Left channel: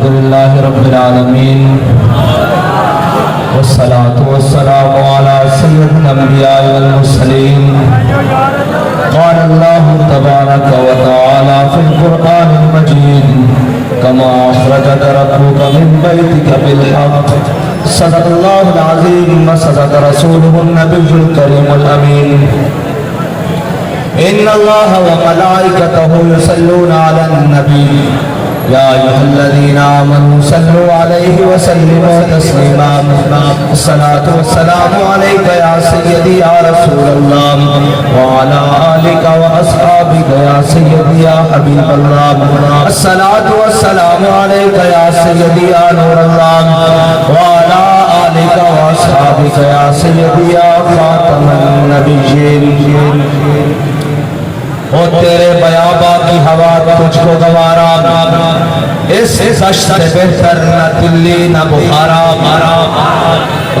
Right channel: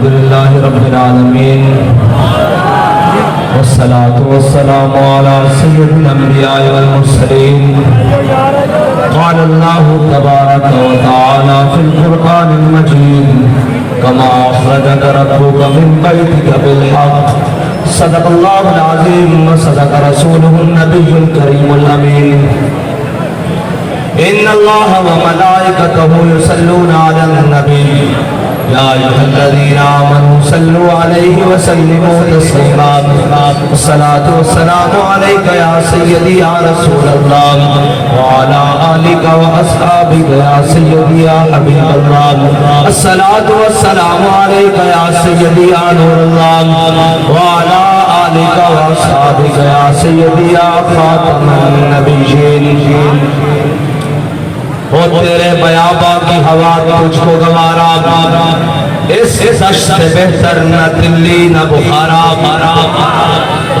الحمدللہ رب العالمین والصلاة والسلام على سید الانبیاء والمرسلین قال اللہ تبارک وتعالی فی القرآن المجید کما اخرجک ربک من بیتک بالحق صدق اللہ العظیم وصدق رسولہ النبی الکریم الامین ان اللہ وملائکتہ یصلون علی النبی یا ایھا الذین آمنوا صلوا علیہ وسلموا تسلیما الصلاۃ والسلام علیک یا سیدی یا رسول اللہ وعلی آلک واصحابک یا سیدی یا حبیب اللہ الصلاۃ والسلام علیک یا سیدی یا نور اللہ وعلی آلک واصحابک یا سیدی یا خاتم النبیین او تیرے بیاباں کی ہوا تجھ کو گوارا اس دشت بہتر نہ دلی نہ بخارا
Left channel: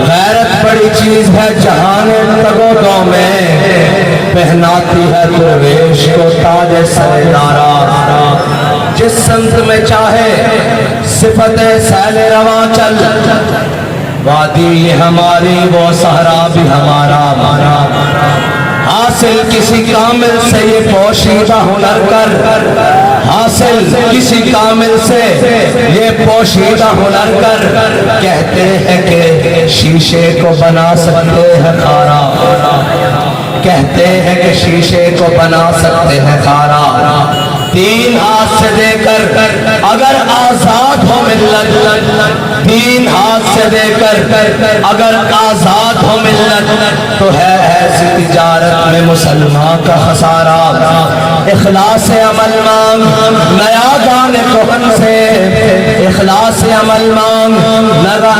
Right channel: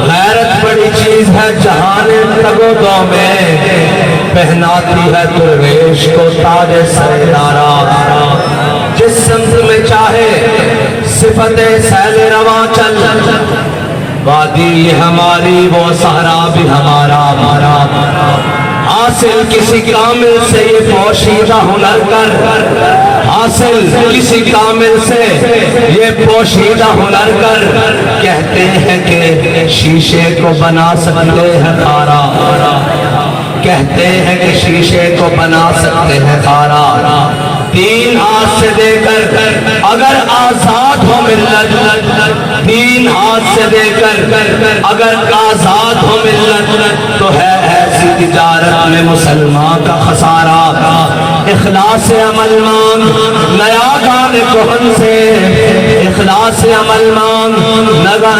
غیرت بڑی چیز ہے جہان تگو دو میں پہناتی ہے درویش کو تاج سردارا جس سمت میں چاہے صفت سیل رواں چل وادی یہ ہماری وہ صحرا بھی ہمارا حاصل کسی کامل سے یہ پوشیدہ ہنر کر حاصل کسی کامل سے یہ پوشیدہ ہنر کر کہتے ہیں کہ شیشے کو بنا سکتے ہیں خارا کہتے ہیں کہ شیشے کو بنا سکتے ہیں خارا تین ہاتھ سے دے کر اگر آزاد ہو ملت تین ہاتھ سے دے کر اگر آزاد ہو ملت تو ہے ایسی تجارت میں مسلمان کا خسارہ اخلاص عمل مانگ نیا گان کہن سے اخلاص عمل مانگ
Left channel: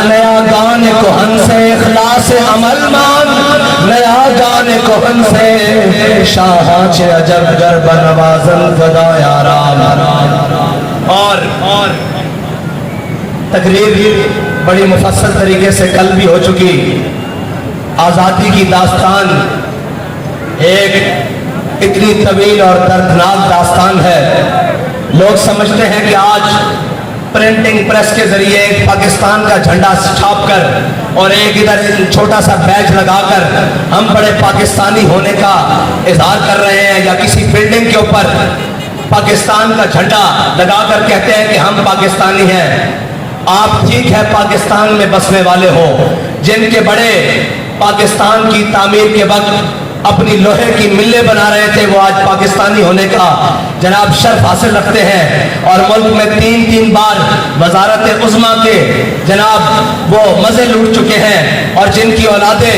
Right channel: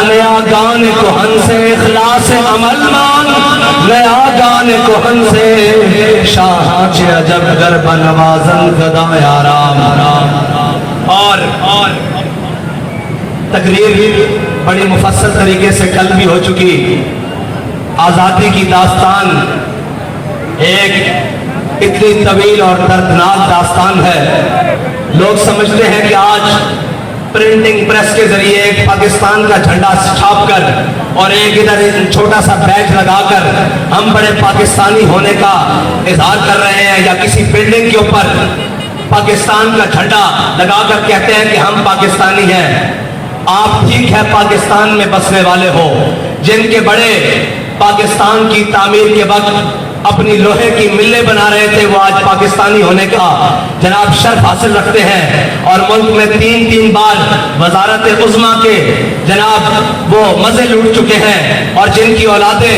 نیا گان کہن سے اخلاص عمل مانگ نیا گان کہن سے شاہاں چھ عجب گرب نوازن فدا یارام اور تقریر بڑی مفصل طریقے سے کل بھی ہو چکی آزادی کی داستان ایک اتنی طویل اور دردناک داستان ہے لوگ سمجھتے ہیں کہ آج پرنٹنگ پریس کے ذریعے ایک پاکستان کا جھنڈا چھاپ کر اور ایک ادھر چھوٹا سا بیج لگا کر ہم بڑے پاکستانی ہونے کا اظہار کر رہے ہیں یا کسی بلڈنگ کے اوپر پاکستان کا جھنڈا لگا کر کہتے ہیں کہ ہم پاکستانی ہیں آپ ٹھیک ہے پاکستان میں بسنے والے ہو جن کے بڑے پاکستان کی تعمیر کے وقت اپنی لوہے کی ملیں بنا رہے تھے وہ آج پاکستانی ہونے کا جناب شرف حاصل رکھتے ہیں اور ملک میں تین بار وزارت عظمیٰ کے جناب وہ مزے لوٹ چکے ہیں اور جن کی اولادیں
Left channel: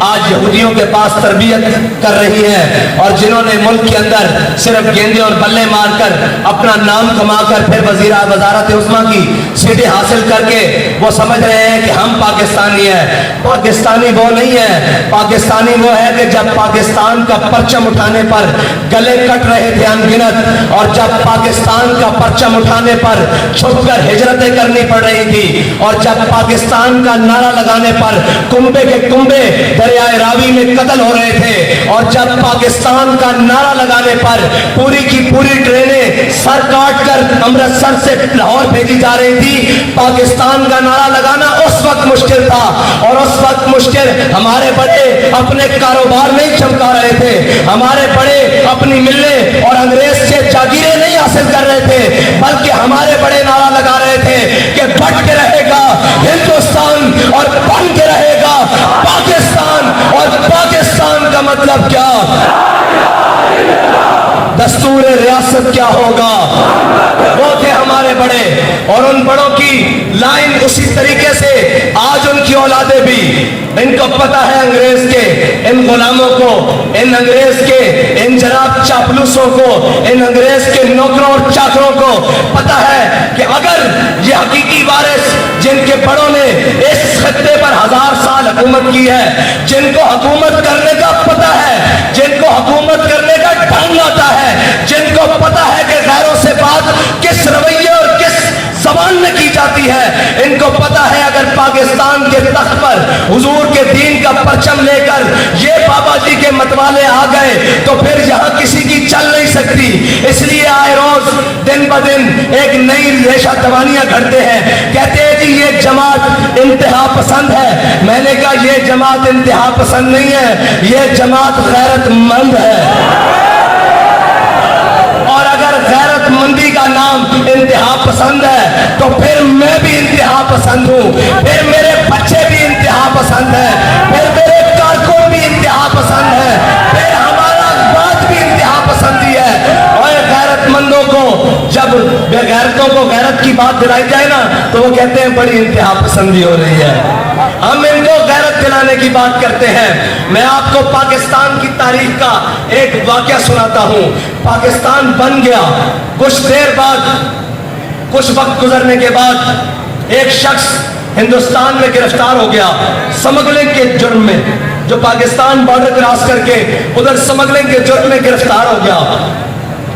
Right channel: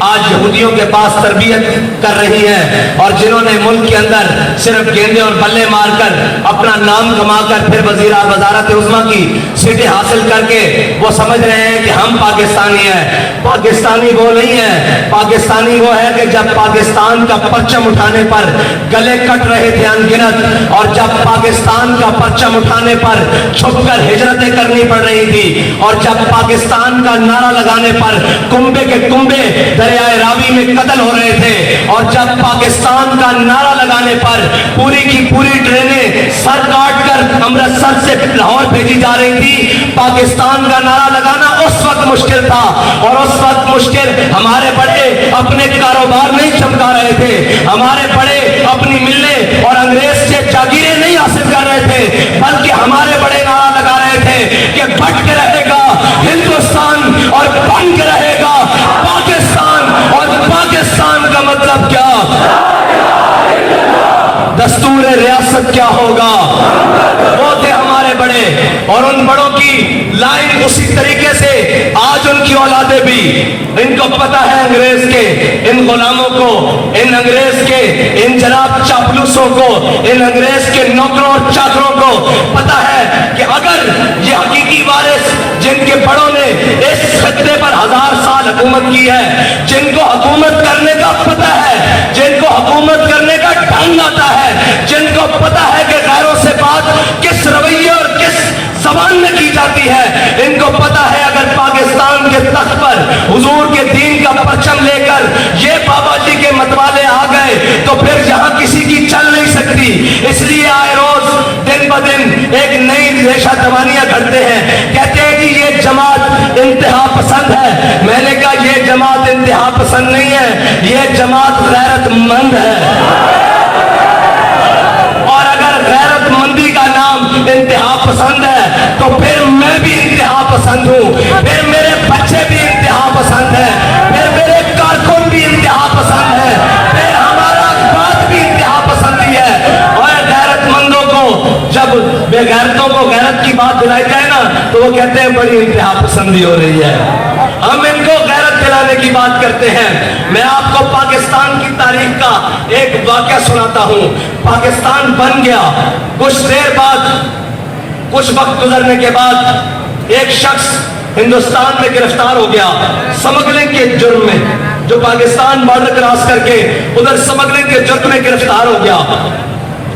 آج یہودیوں کے پاس تربیت کر رہی ہیں اور جنہوں نے ملک کے اندر صرف گیندے اور بلے مار کر اپنا نام کما کر پھر وزارت عظمیٰ کی سیٹیں حاصل کر کے وہ سمجھ رہے ہیں کہ ہم پاکستانی ہیں پاکستانی وہ نہیں ہے پاکستانی وہ ہے کہ جب پاکستان کا پرچم اٹھانے پر گلے کٹ رہے تھے ان گنت اور جب پاکستان کا پرچم اٹھانے پر چھپ کر ہجرتیں کرنی پڑ رہی تھی اور جب پاکستان کا نعرہ لگانے پر کنبے کے کنبے دریائے راوی میں قتل ہو رہے تھے اور جب پاکستان کا نعرہ لگانے پر پوری کی پوری ٹرینیں سر کاٹ کر امرتسر سے لاہور بھیجی جا رہی تھی پاکستان کا نعرہ لگانا اس وقت مشکل تھا اور اس وقت مشکل ہمارے بڑے اپنے کاروبار نہیں چمکا رہے تھے ہمارے بڑے اپنی ملیں اور انگریز سے جاگیریں نہیں حاصل کر رہے تھے بلکہ ہمارے بڑے نعرہ لگا رہے تھے کہ بٹ کے رہے گا ہندوستان اور بن کے رہے گا پاکستان اور پاکستان کا مطلب کیا دستور ریاست کیا ہوگا وہ تھے ہمارے بڑے اور ان بڑوں کی لائن اسی طریقے سے آج ان کی اولادیں بھی ان کو پتا ہے انگریز کے ان غلاموں کو ان انگریز کے ان جناب چاپلوسوں کو ان انگریز کے نوکروں اور چاکروں کو پتا ہے کہ اگر یہ حقیقی وارث جن کے بڑوں نے اس خطے پر 1000 سال حکومت کی ہے جن کو حکومت کرنے کا پتا ہے جن کو حکومت کرنے کا ڈھنگ آتا ہے جن کو پتا ہے کہ غیروں سے بات کس رویے اور کس زبان میں کی جاتی ہے ان کو پتا ہے اگر پاکستان کے تخت پر حضور کے دین کا پرچم لے کر یہ بابا جی کے متوالے آ گئے تو پھر یہاں کسی کی چل نہیں سکتی اس لیے آئے روز دن دن ب دن ایک نئی ریشہ دوانیاں گھڑتے ہیں. کہتے ہیں جی یہ جماعت انتہا پسند ہے. میں نے کہا یہ جماعت انتہا پسند نہیں ہے, یہ جماعت غیرت مند ہے. اور اگر غیرت مندی کا نام انتہا پسند ہے تو پھر میں بھی انتہا پسند ہوں, پھر میرے بچے بھی انتہا پسند ہے, پھر میرے کارکن بھی انتہا پسند ہے, پھر ہمارا بات بھی انتہا پسندی ہے. اور غیرت مندوں کو جب بے غیرتوں کو غیرت کی بات دلائی جائے نا تو وہ کہتے ہیں بڑی انتہا پسندی ہو رہی ہے. ہم ان کو غیرت دلانے کی بات کرتے ہیں. میں آپ کو پاکستان کی تاریخ کا ایک واقعہ سناتا ہوں. پاکستان بن گیا, کچھ دیر بعد, کچھ وقت گزرنے کے بعد ایک شخص ہندوستان میں گرفتار ہو گیا سمگلنگ کے جرم میں. جو پاکستان بارڈر کراس کر کے ادھر سمگلنگ کے جرم میں گرفتار ہو گیا.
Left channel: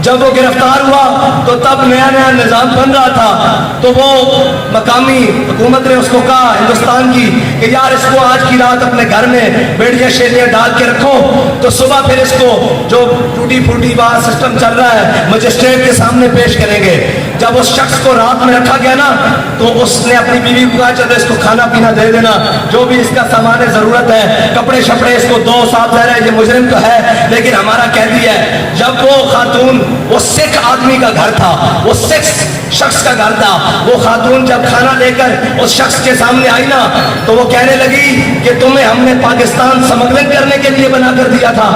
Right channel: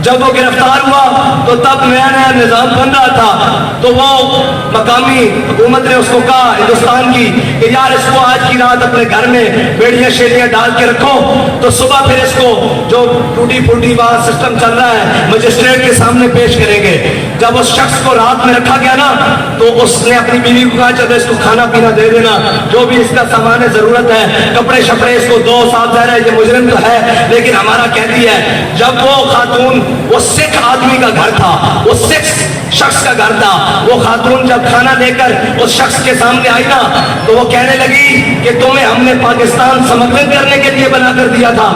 جب وہ گرفتار ہوا تو تب نیا نیا نظام بن رہا تھا, تو وہ مقامی حکومت نے اس کو کہا ہندوستان کی کہ یار اس کو آج کی رات اپنے گھر میں بیڑیاں شیڑیاں ڈال کے رکھو, تو صبح پھر اس کو جو ٹوٹی پھوٹی باہر سسٹم چل رہا ہے مجسٹریٹ کے سامنے پیش کریں گے. جب اس شخص کو رات میں رکھا گیا نا تو اس نے اپنی بیوی کو کہا چلے اس کو کھانا پینا دے دینا, جو بھی اس کا سامان ضرورت ہے, کپڑے شپڑے اس کو دو. صاحب ظاہر ہے یہ مجرم تو ہے لیکن ہمارا قیدی ہے. جب وہ خاتون, وہ سکھ آدمی کا گھر تھا, وہ سکھ شخص کا گھر تھا, وہ خاتون جب کھانا لے کر اس شخص کے سامنے آئی نا تو وہ کہنے لگی کہ تمہیں ہم نے پاکستان سمگلنگ کرنے کے لیے بنا کر دیا تھا.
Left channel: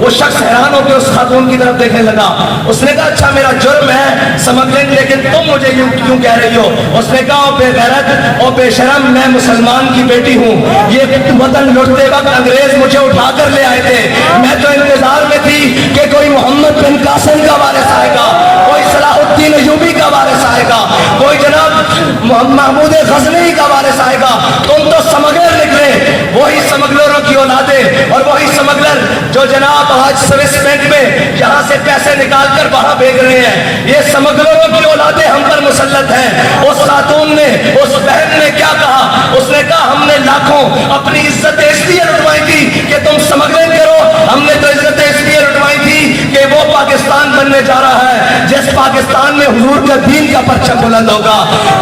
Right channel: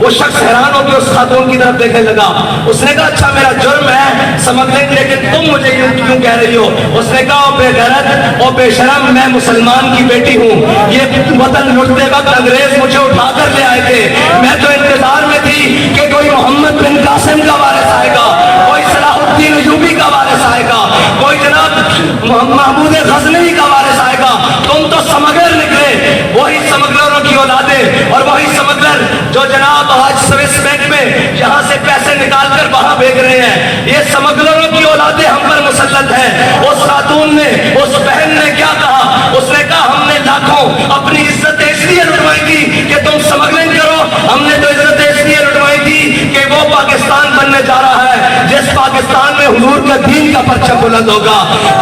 وہ شخص حیران ہو کے اس خاتون کی طرف دیکھنے لگا. اس نے کہا اچھا میرا جرم ہے سمگلنگ, لیکن تم مجھے یہ کیوں کہہ رہی ہو؟ اس نے کہا بے غیرت اور بے شرم, میں مسلمان کی بیٹی ہوں. یہ وطن لوٹتے وقت انگریز مجھے اٹھا کر لے آئے تھے, میں تو انتظار میں تھی کہ کوئی محمد بن قاسم کا وارث آئے گا, کوئی صلاح الدین ایوبی کا وارث آئے گا, کوئی جناب محمود غزنوی کا وارث آئے گا. تم تو سمگلر نکلے, وہی سمگلروں کی اولادیں اور وہی سمگلر جو جناب آج سوئس بینک میں یہاں سے پیسے نکال کر وہاں بھیج رہے ہیں, یہ سمگلروں کی اولادیں ہم پر مسلط ہیں. اس خاتون نے, اس بہن نے کیا کہا؟ اس نے کہا ہم نے لاکھوں اپنی عزت اس لیے لٹوائی تھی کہ تم سمگلنگ کرو, ہم نے تو عزت اس لیے لٹوائی تھی کہ وہ پاکستان بننے جا رہا ہے جس پاکستان میں حضور کا دین کا پرچم بلند ہوگا.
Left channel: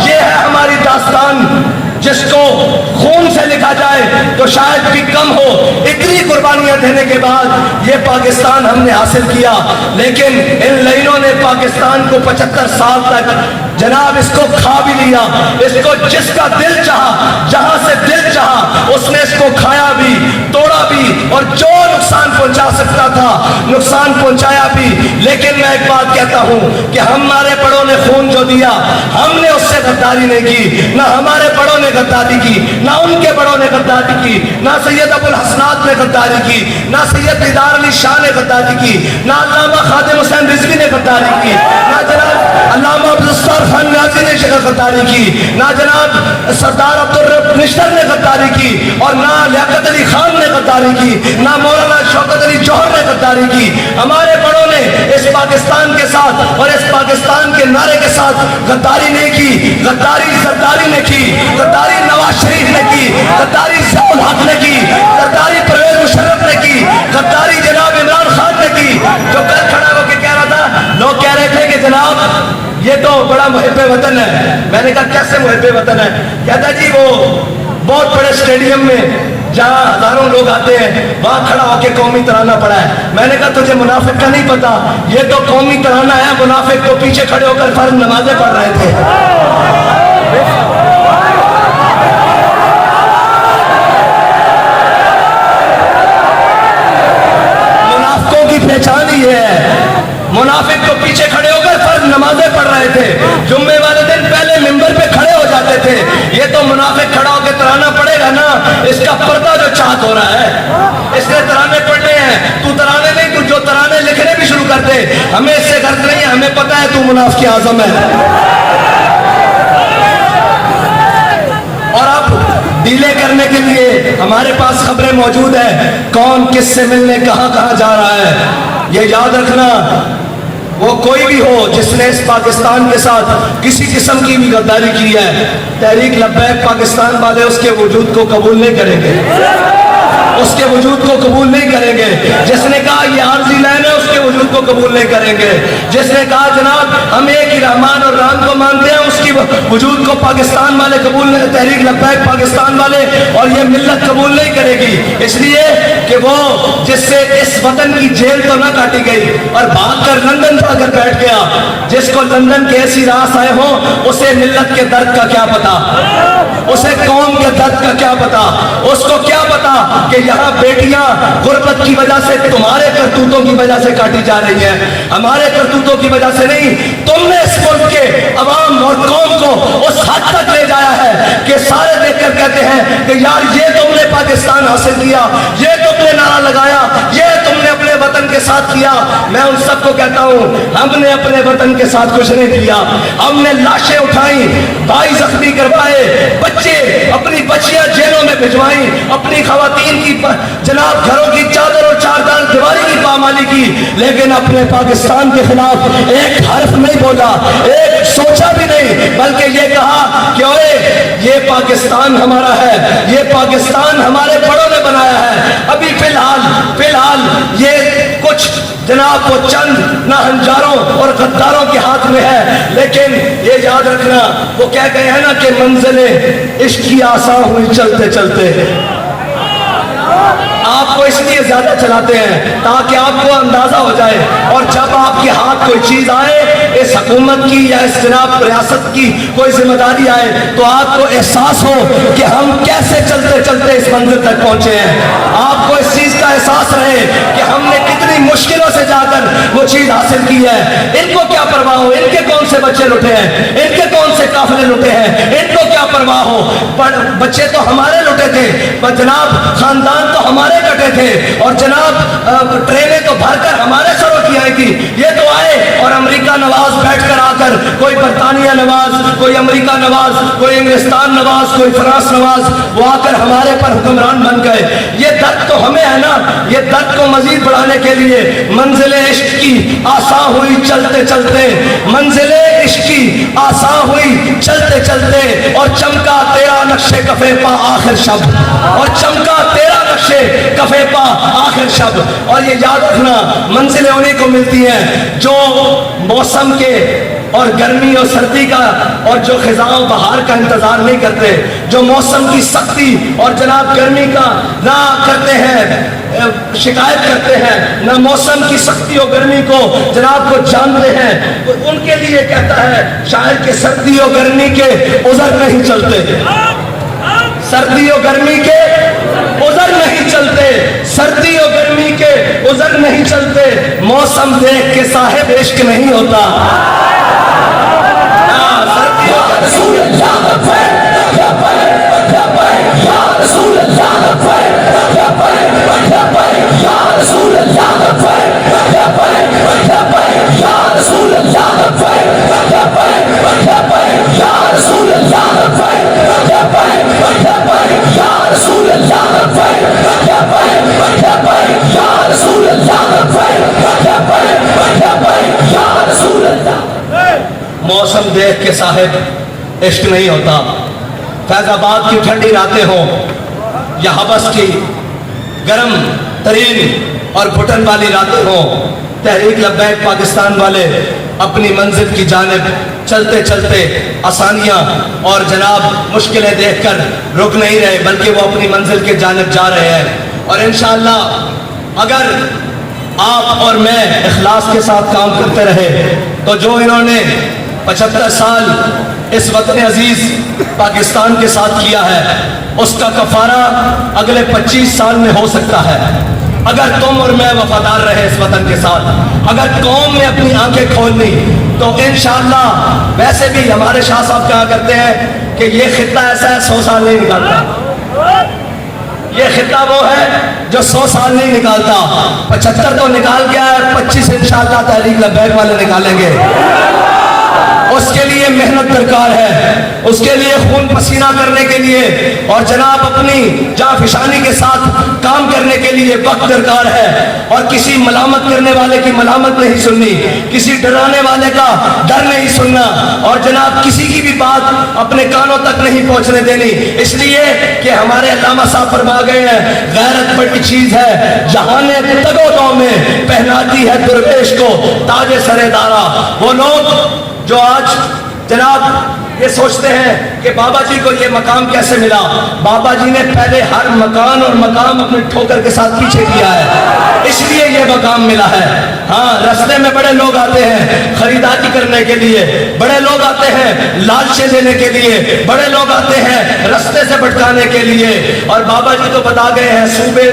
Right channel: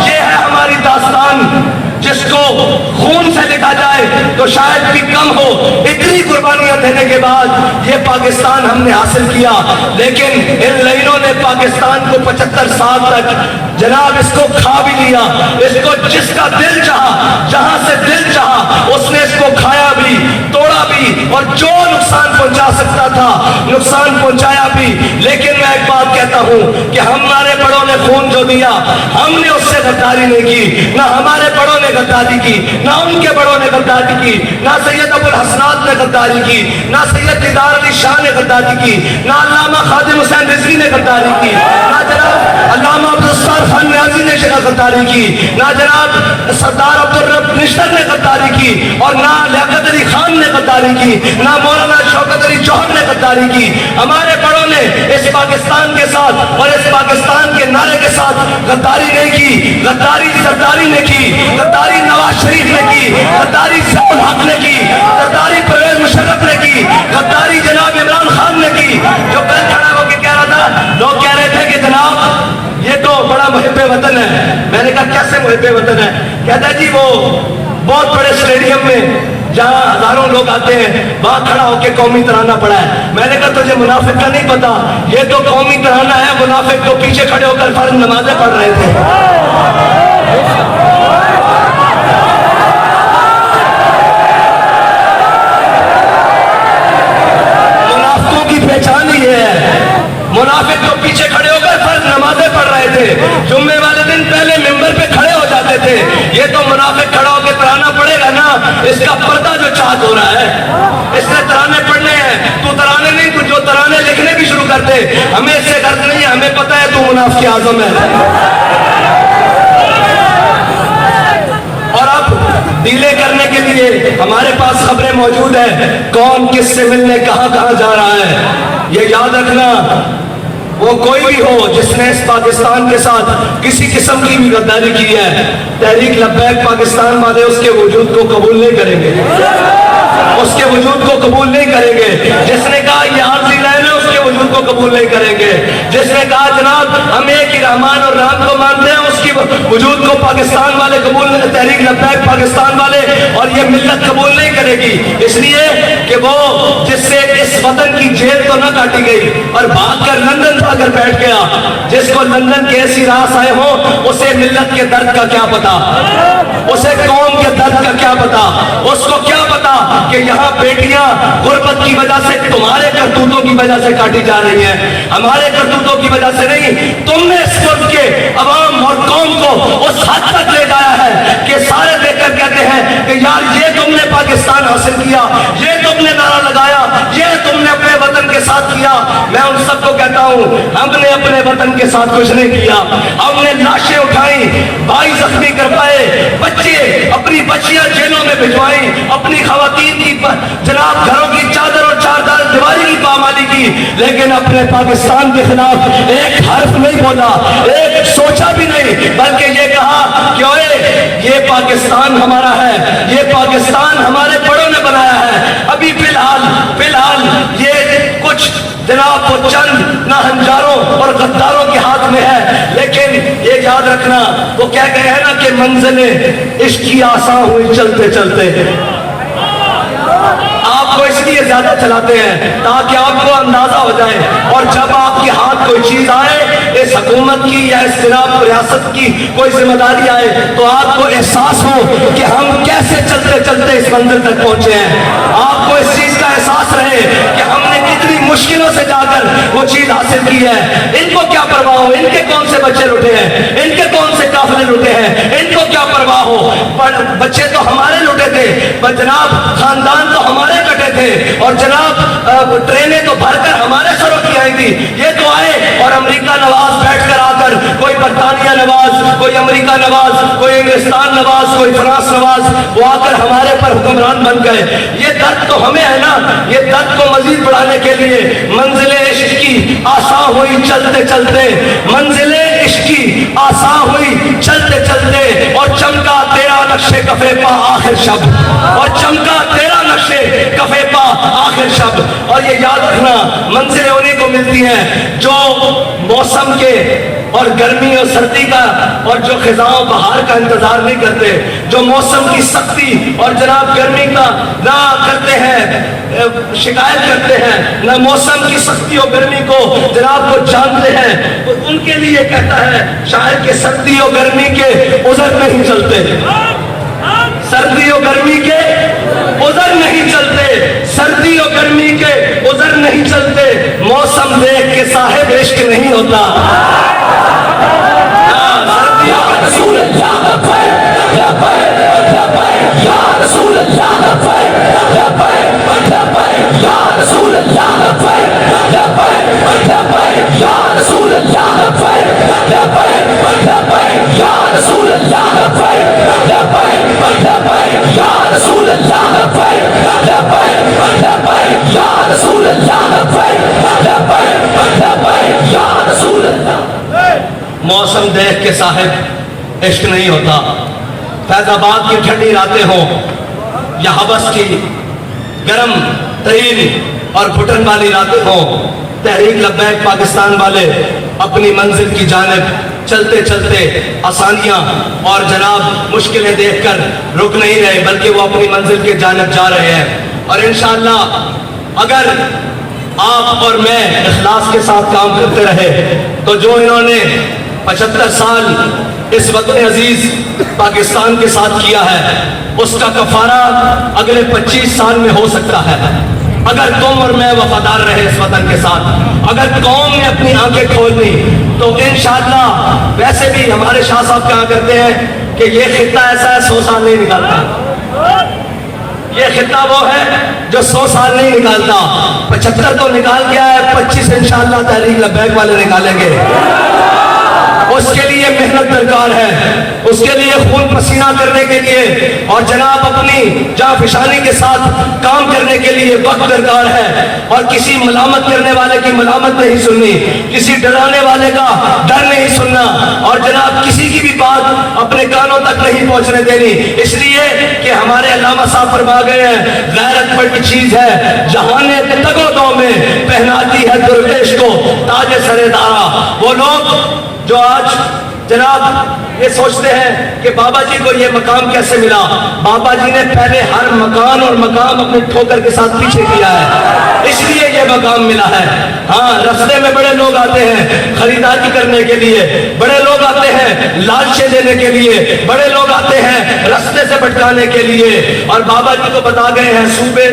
یہ ہے ہماری داستان, جس کو خون سے لکھا جائے تو شاید بھی کم ہو. اتنی قربانیاں دینے کے بعد یہ پاکستان ہم نے حاصل کیا, لیکن ان لائنوں نے پاکستان کو 75 سال تک جناب اس کو کھا بھی لیا. اس کو جس کا دل چاہا, جہاں سے دل چاہا, اس نے اس کو کھایا بھی, توڑا بھی, اور جو نقصان پہنچا سکتا تھا نقصان پہنچایا بھی. لیکن میں ایک بات کہتا ہوں کہ ہمارے بڑوں نے خون جو دیا ہم نے اس سے غداری نہیں کی, نہ ہمارے بڑوں نے غداری کی, نہ ان کے بڑوں نے غداری کی, نہ سید ابو الحسنات نے غداری کی, نہ سید دیدار علی شاہ نے غداری کی, نہ علامہ خادم حسین رضوی نے غداری کی, نہ جناب علامہ عبدالستار خان نیازی نے غداری کی, نہ جناب سردار عبدالرب نشتر نے غداری کی, اور نہ لیاقت علی خان نے غداری کی, نہ مولانا شوکت علی جوہر نے غداری کی. ہمارے بڑوں نے اس پاکستان کے ساتھ اور اس پاکستان کے نعرے کے ساتھ غداری نہیں کی. غداری سرداری نے کی, غداری نواز شریف نے کی, غداری ضیاء الحق نے کی, غداری پرویز مشرف نے کی, غداری جناب عمران خان نے کی. جو کل کھڑا ہو کے کہہ رہا تھا, لوگ کہہ رہے تھے کہ جناب یہ تو بڑا محب وطن ہے. میں نے کہا کیسے محب وطن ہے؟ کہتا ہے جی وہ بہت بڑے اسٹیڈیم میں جہاں ہزاروں لوگ آتے ہیں وہاں کھڑا ہو کے قومی ترانہ پڑھا ہے. میں نے کہا تجھے منافق کا نہیں پتا, یہ تو قومی ترانہ ہے, منافق تو پیچھے کھڑے ہو کر فرض نمازیں پڑھ رہے تھے. منافقوں کی پہچان ہی ہے, منافق تو پیچھے کھڑے ہو کر فرض نمازیں پڑھ رہے تھے, جمعے والے دن پہلے ممبر پہ کھڑے ہو جاتے تھے. یہ تو منافق کھڑا ہو کے ترانہ پڑھے گا نا, اس کا پردہ جو چاک ہو رہا ہے, اس نے ترانے پڑھنے ہیں. تو ترانے نہیں, تو جو ترانے لکھنے بھی شروع کر دے, ہمیں اس سے غرض نہیں ہے, ہمیں پتا ہے تو منافق اعظم ہے. اور اب ڈیلے کرنے کے لیے ہمارے پاس خبریں موجود ہیں, کون کس سے ملنے کہاں کہاں جا رہا ہے. یہ یاد رکھنا, وہ کوئی بھی ہو جس نے اس پاکستان کے ساتھ کسی قسم کی بھی غداری کی ہے, تحریک لبیک پاکستان والے اس کے وجود کو قبول نہیں کریں گے, اس کے وجود کو قبول نہیں کریں گے. جس نے کہا یہ عارضی لائن ہے, اس کے وجود کو قبول نہیں کریں گے. جس نے کہا جناب ہم ایک ہی رحمان اور رحم کو مانتے ہیں, اس کی وجود کو پاکستان والے قبول نہیں, تحریک لبیک پاکستان والے اور یہ ملت قبول نہیں کرے گی. اس لیے کہ وہ جس سے اس وطن کی جیل تو نہ کاٹی گئی اور بھاگ کر لندن جا کر بیٹھ گیا, جس کو لندن کے ایسی راس آئے ہوں اسے ملت کے درد کا کیا پتا, اسے قوم کے درد کا کیا پتا, اس کو کیا پتا کہ یہاں بیٹیاں غربت کی وجہ سے تمہارے کرتوتوں کی وجہ سے کاٹی جا رہی ہیں, ہمارے کرتوتوں کی وجہ سے نہیں. تم نے اس ملک کے عوام اور قوم کو اس حد تک لے جایا ہے کہ سارے دیکھ کر کہتے ہیں کہ یار یہ تم نے پاکستان حاصل کیا, یہ تم نے نعرہ لگایا, یہ تم نے اپنے وطن کے ساتھ کیا. میں ان سب کو کہتا ہوں ہم نے اپنے وطن کے ساتھ کچھ نہیں کیا. ہم نے لاشیں اٹھائیں, بھائی زخمی کروائے, بچے اپنی بچیاں جیلوں میں بھجوائیں, اپنی خواتین کی جناب گھروں کی چادر اور چار دیواری کی پامالی کی, لیکن اپنے پاکستان کے خلاف ایک حرف نہیں بولا, ایک سوچا بھی نہیں, بلکہ یہ کہا کہ اوئے یہ پاکستان ہمارا ہے, یہ پاکستان ہمارے بڑوں نے بنایا ہے. ابھی فی الحال یہ کچھ جناب وہ چند ناہنجاروں اور غداروں کے ہاتھ میں ہے, لیکن یہ یاد رکھنا وہ کہہ گئے ہیں نا کہ منزلیں عشق کی آسان ہوئی چلتے چلتے. آپ کو اس لیے زیادہ چلاتے ہیں تاکہ آپ کو اندازہ ہو جائے, اور جب آپ کے ہاتھ کوئی چیز آئے, اس حکومت کی یا اس جناب ریاست کی کوئی ذمہ داری آئے, تو آپ کو احساس ہو کہ ہم کیسے چلتے چلتے اس منزل تک پہنچے ہیں. آپ کو اس چیز کا احساس رہے کہ ہم نے کتنی مشکلوں سے جا کر وہ چیز حاصل کی ہے. ان کو کیا پرواہ ہو, ان کے کون سے بچے لٹے ہیں, ان کے کون سے قافلے لٹے ہیں, ان کو کیا پرواہ ہو. بچے تو ہمارے لٹے تھے, جناب خاندان تو ہمارے کٹے تھے, اور جناب ٹرینیں تو بھر کر ہمارے سروں کی آئی تھی. یہ تو آئے اور امریکہ نواز بیٹھ کر آ کر, کوئی برطانیہ نواز, کوئی امریکہ نواز, کوئی انگلستان نواز, کوئی فرانس نواز, وہ آ کر ہمارے پر حکمران بن گئے. یہ درد تو ہمیں ہے نا, یہ درد کو مزید بڑھانے کے لیے منزل عشق کی آسان ہوئی چلتے چلتے, منزل عشق کی آسان ہوئی چلتے چلتے, اور چمکا تیرا نقشے کفے پا آخر شب, اور چمکا تیرا نقشے کفے پا آخر شب. اور یہ یاد رکھنا منزلیں انہیں کو ملتی ہیں جو موسم کے اور گرمی اور سردی کا اور جو خزاں بہار کا انتظار نہیں کرتے, جو موسم کی سختی اور جناب گرمی کا نہ کرتے ہیں, شکایت کرتے ہیں, نہ موسم کی سختی اور گرمی کو جناب کو جانتے ہیں. تو ان کے لیے کہتا ہے شاعر کہ سردی اور گرمی کے عذر نہیں چلتے, سردی و گرمی کے عذر نہیں چلتے, سردی و گرمی کے عذر نہیں چلتے, موسم دیکھ کے صاحب عشق نہیں ہوتا. موسم دیکھ کے صاحب عشق نہیں ہوتا. فیض آباد کی ٹھنڈی راتیں ہوں یا حبس کی گرم ترین اور گھٹن والی راتیں ہوں, تحریک لبیک پاکستان والے اپنی منزل کی جانب چلتے چلتے آسانیاں اور جناب مشکلیں دیکھ کر رک نہیں رہے, بلکہ وہ اپنی منزل کی جانب جا رہے ہیں. اور انشاءاللہ اگر آپ اور میں اخلاص کے ساتھ کام کرتے رہے تو جو انہوں نے 75 سال اس وطن عزیز پاکستان کے ساتھ کیا ہے, اس کا کفارہ اگلے 25 سال میں ہو سکتا ہے. اگر تم اور میں وفادار رہے اس وطن کے ساتھ, اگر قوم نے اپنی آنکھیں کھول لی, تو انشاءاللہ ویسے بھی ہمارے شاہ صاحب کہا کرتے ہیں کہ یہ خطہ ایسا ہے 100 سال نہیں نکالتا. یہ خطہ وہ ہے جو 100 سال نہیں نکالتا. 75 تو نکال گیا ہے, 25 انشاءاللہ تحریک لبیک والے نکالیں گے. اس کے لیے محنت درکار ہے, اس کے لیے خون پسینہ کرنے کے لیے اور جناب اپنی جانفشانی کے ساتھ کام کرنے کے لیے وقت درکار ہے. اور کسی ملامت کرنے والے کی ملامت نہیں سننی, کسی ڈرانے والے کا ڈر نہیں سننا, اور جناب کسی کی بھی بات اپنے کانوں تک نہیں پہنچنے دینی، اس لیے کہ ہمارے علامہ صاحب فرما گئے ہیں غیرت بڑی چیز ہے، جہان تگو دو میں پہناتی ہے درویش کو تاج سر دارا۔ وہ لوگ جو آج جناب یہ سوچتے ہیں کہ بابا جی کو یہ مقام کیسے ملا، بابا جی نے پہلے ہر مکان اور مقام اپنے ٹھوکر کے ساتھ پیچھے کیا ہے، اس لیے یہ مقام ملا ہے۔ ہاں رستے میں بڑے لوگ آتے ہیں خریداری کرنے کے لیے، بڑے لوگ آتے ہیں لالچیں دینے کے لیے، بڑے لوگ آتے ہیں رستے سے بھٹکانے کے لیے، اور بابا جی تو بتا گئے ہیں صوبے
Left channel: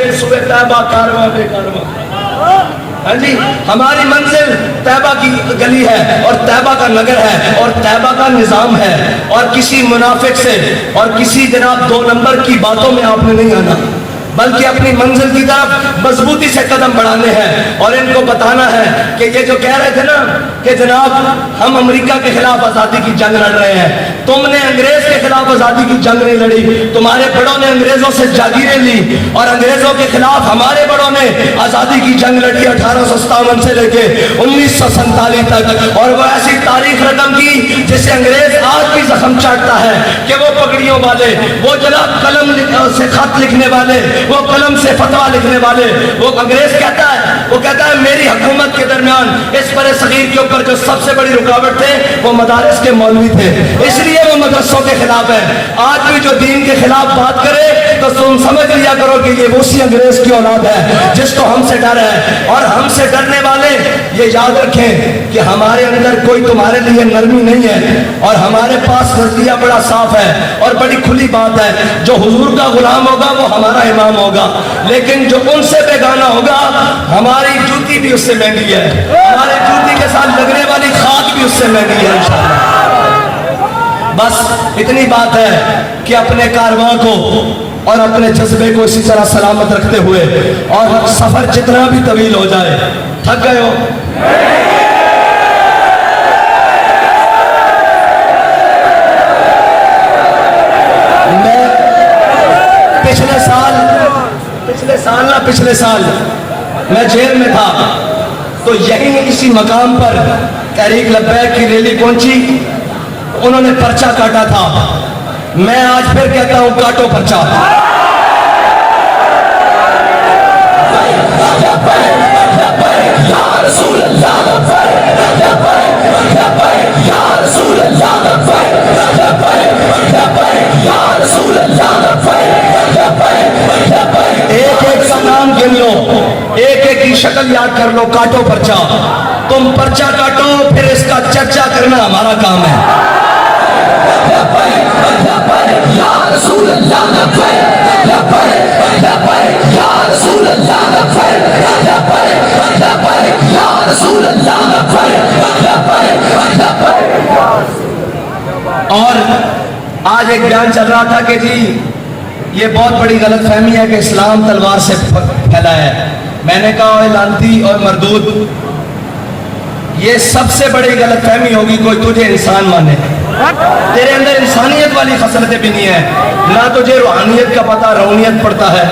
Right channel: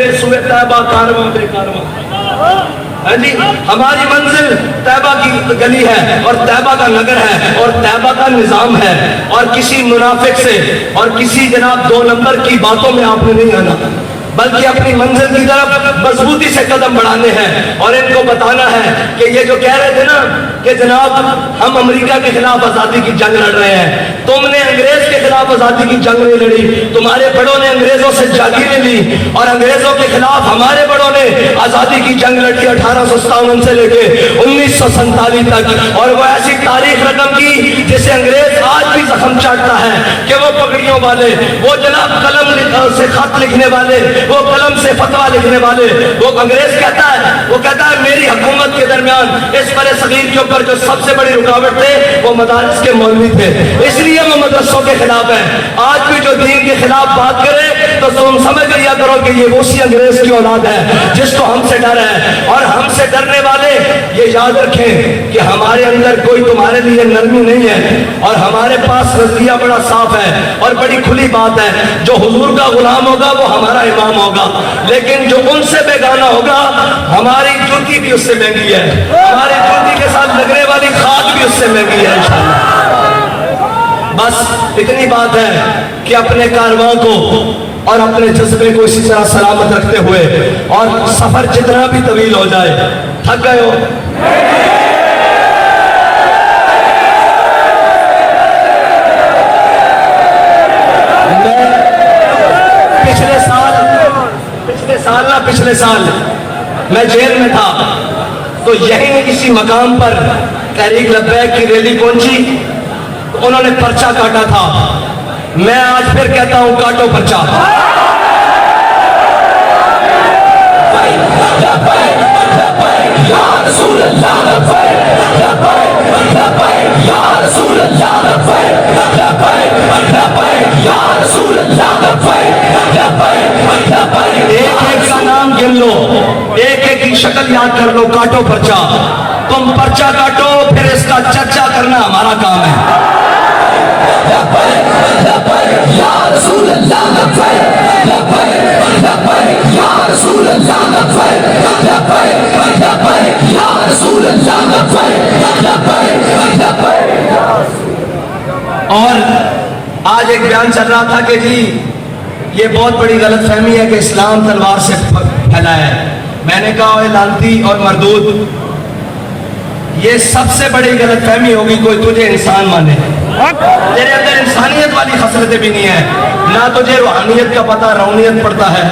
طیبہ کارواں بے کارواں۔ ہاں جی، ہماری منزل طیبہ کی گلی ہے اور طیبہ کا نگر ہے اور طیبہ کا نظام ہے، اور کسی منافق سے اور کسی جناب دو نمبر کی باتوں میں آپ نے نہیں آنا، بلکہ اپنی منزل کی طرف مضبوطی سے قدم بڑھانے ہیں، اور ان کو بتانا ہے کہ یہ جو کہہ رہے تھے نا کہ جناب ہم امریکہ کے خلاف آزادی کی جنگ لڑ رہے ہیں، تم نے انگریز کے خلاف آزادی کی جنگ نہیں لڑی، تمہارے بڑوں نے انگریزوں سے جاگیریں لی اور انگریزوں کے خلاف ہمارے بڑوں نے آزادی کی جنگ لڑی 1857 سے لے کے 1947 تک، اور وہ ایسی تاریخ رقم کی جسے انگریز آج بھی زخم چاٹتا ہے کہ وہ پگڑیوں والے، وہ جناب قلم سے خط لکھنے والے، وہ قلم سے فتویٰ لکھنے والے، وہ انگریز کہتا ہے میری حکومت کے درمیان اس برِ صغیر کے اوپر جو سب سے بڑی رکاوٹ تھے وہ مدارس کے مولوی تھے، اس لیے وہ مدرسوں کے خلاف ہے۔ آج بھی جو دین کے خلاف بات کرے تو تم سمجھ لیا کرو کہ یہ اسی انگریز کی اولاد ہے جس کو ہم سے ڈر ہے، اور ہم سے ڈرنے والے یہ یاد رکھیں کہ ہمارے اندر کوئی تمہارے لیے نرمی نہیں ہے، اور ہمارے پاس نظریہ بڑا صاف ہے اور بڑی کھلی بات ہے، جو حضور کا غلام ہوگا وہ ہمارا امام ہوگا، لیکن جو ان سے بیگانہ ہوگا ہماری جوتی بھی اس سے مہنگی ہے، ہمارے جوتی کے ساتھ لگنے والی خاک بھی اس سے مہنگی ہے انشاءاللہ۔ بس اتنی بات ہے کہ اپنے کارواں کو اور اپنے جذبے کو اسی طرح سلامت رکھتے ہوئے، اور سفر جتنا بھی طویل ہو جائے، تھک گئے ہو؟ پچھلے سال میں جیل میں تھا، تو یہیں اسی مقام پر تحریک لبیک کی ریلی پہنچی، انہوں نے پرچہ کاٹا تھا، میں آج پھر کہتا ہوں کاٹو پرچہ۔ ایک ایک کا نام گن لو، ایک ایک کی شکل یاد کر لو، کاٹو پرچہ۔ تم پرچہ کاٹو، پھر اس کا چرچا کرنا ہمارا کام ہے۔ اور آج ایک بیان چل رہا تھا کہ جی یہ بہت بڑی غلط فہمی ہے کہ اسلام تلوار سے پھیلا ہے، میں نے کہا اے لعنتی اور مردود، یہ سب سے بڑی غلط فہمی ہوگی کوئی تجھے انسان مانے، تیرے اندر انسانیت والی خصلتیں بھی نہیں ہیں، نہ تجھے روحانیت کا پتہ، روحانیت پڑتا ہے،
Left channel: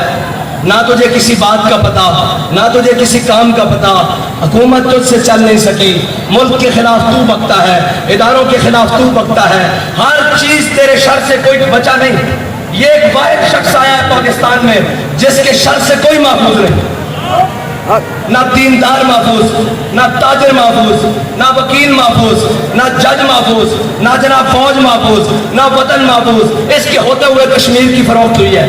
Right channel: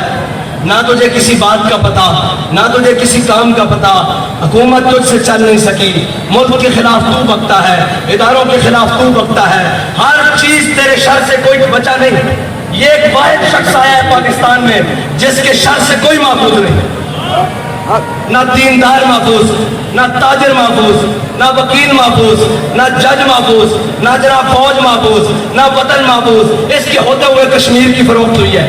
نہ تجھے کسی بات کا پتہ، نہ تجھے کسی کام کا پتہ، حکومت تجھ سے چل نہیں سکی، ملک کے خلاف تو بکتا ہے، اداروں کے خلاف تو بکتا ہے، ہر چیز تیرے شر سے کوئی بچا نہیں۔ یہ ایک واحد شخص آیا ہے پاکستان میں جس کے شر سے کوئی محفوظ نہیں، نہ دیندار محفوظ، نہ تاجر محفوظ، نہ وکیل محفوظ، نہ جج محفوظ، نہ جناب فوج محفوظ، نہ وطن محفوظ۔ اس کے ہوتے ہوئے کشمیر کی فروخت ہوئی ہے،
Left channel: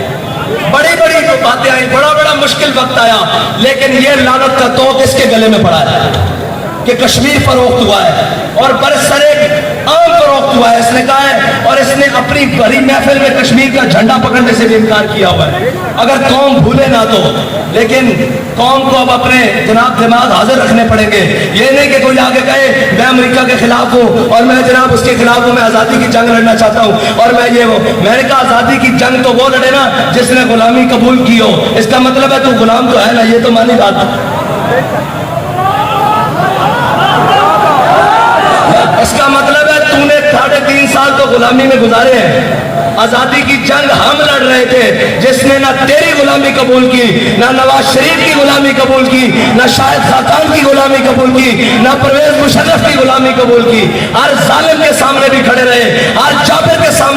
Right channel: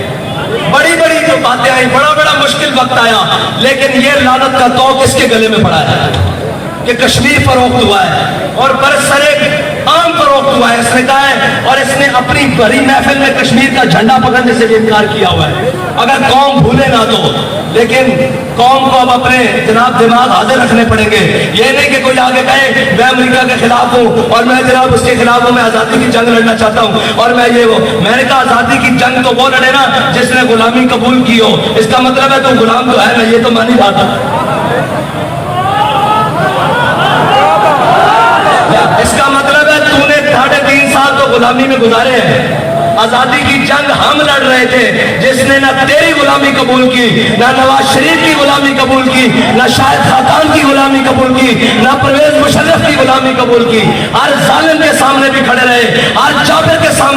بڑی بڑی جو باتیں آئیں، بڑا بڑا مشکل وقت آیا، لیکن یہ لعنت کا توق اس کے گلے میں پڑا ہے کہ کشمیر فروخت ہوا ہے اور برسر عام فروخت ہوا ہے۔ اس نے کہا ہے، اور اس نے اپنی بڑی محفل میں کشمیر کا جھنڈا پکڑنے سے بھی انکار کیا ہوا ہے، اگر قوم بھولے نہ تو، لیکن قوم کو اب اپنے جناب دماغ حاضر رکھنے پڑیں گے۔ یہ نہیں کہ کوئی آگے کہے میں امریکہ کے خلاف ہوں اور میں جناب اس کے خلاف ہوں، میں آزادی کی جنگ لڑنا چاہتا ہوں اور میں یہ وہ، میں نے کہا آزادی کی جنگ تو وہ لڑے نا جس نے غلامی قبول کی ہو، اس کا مطلب ہے تو غلام تو ہے نا، یہ تو مانی بات ہے۔ اس کا مطلب ہے تو نے 3.5 سال تو غلامی میں گزارے ہیں۔ آزادی کی جنگ ہم لڑ رہے تھے، جس نے نہ تیری غلامی قبول کی، نہ نواز شریف کی غلامی قبول کی، نہ شاہد خاقان کی غلامی قبول کی، نہ پرویز مشرف کی غلامی قبول کی۔ ہر ظالم کے سامنے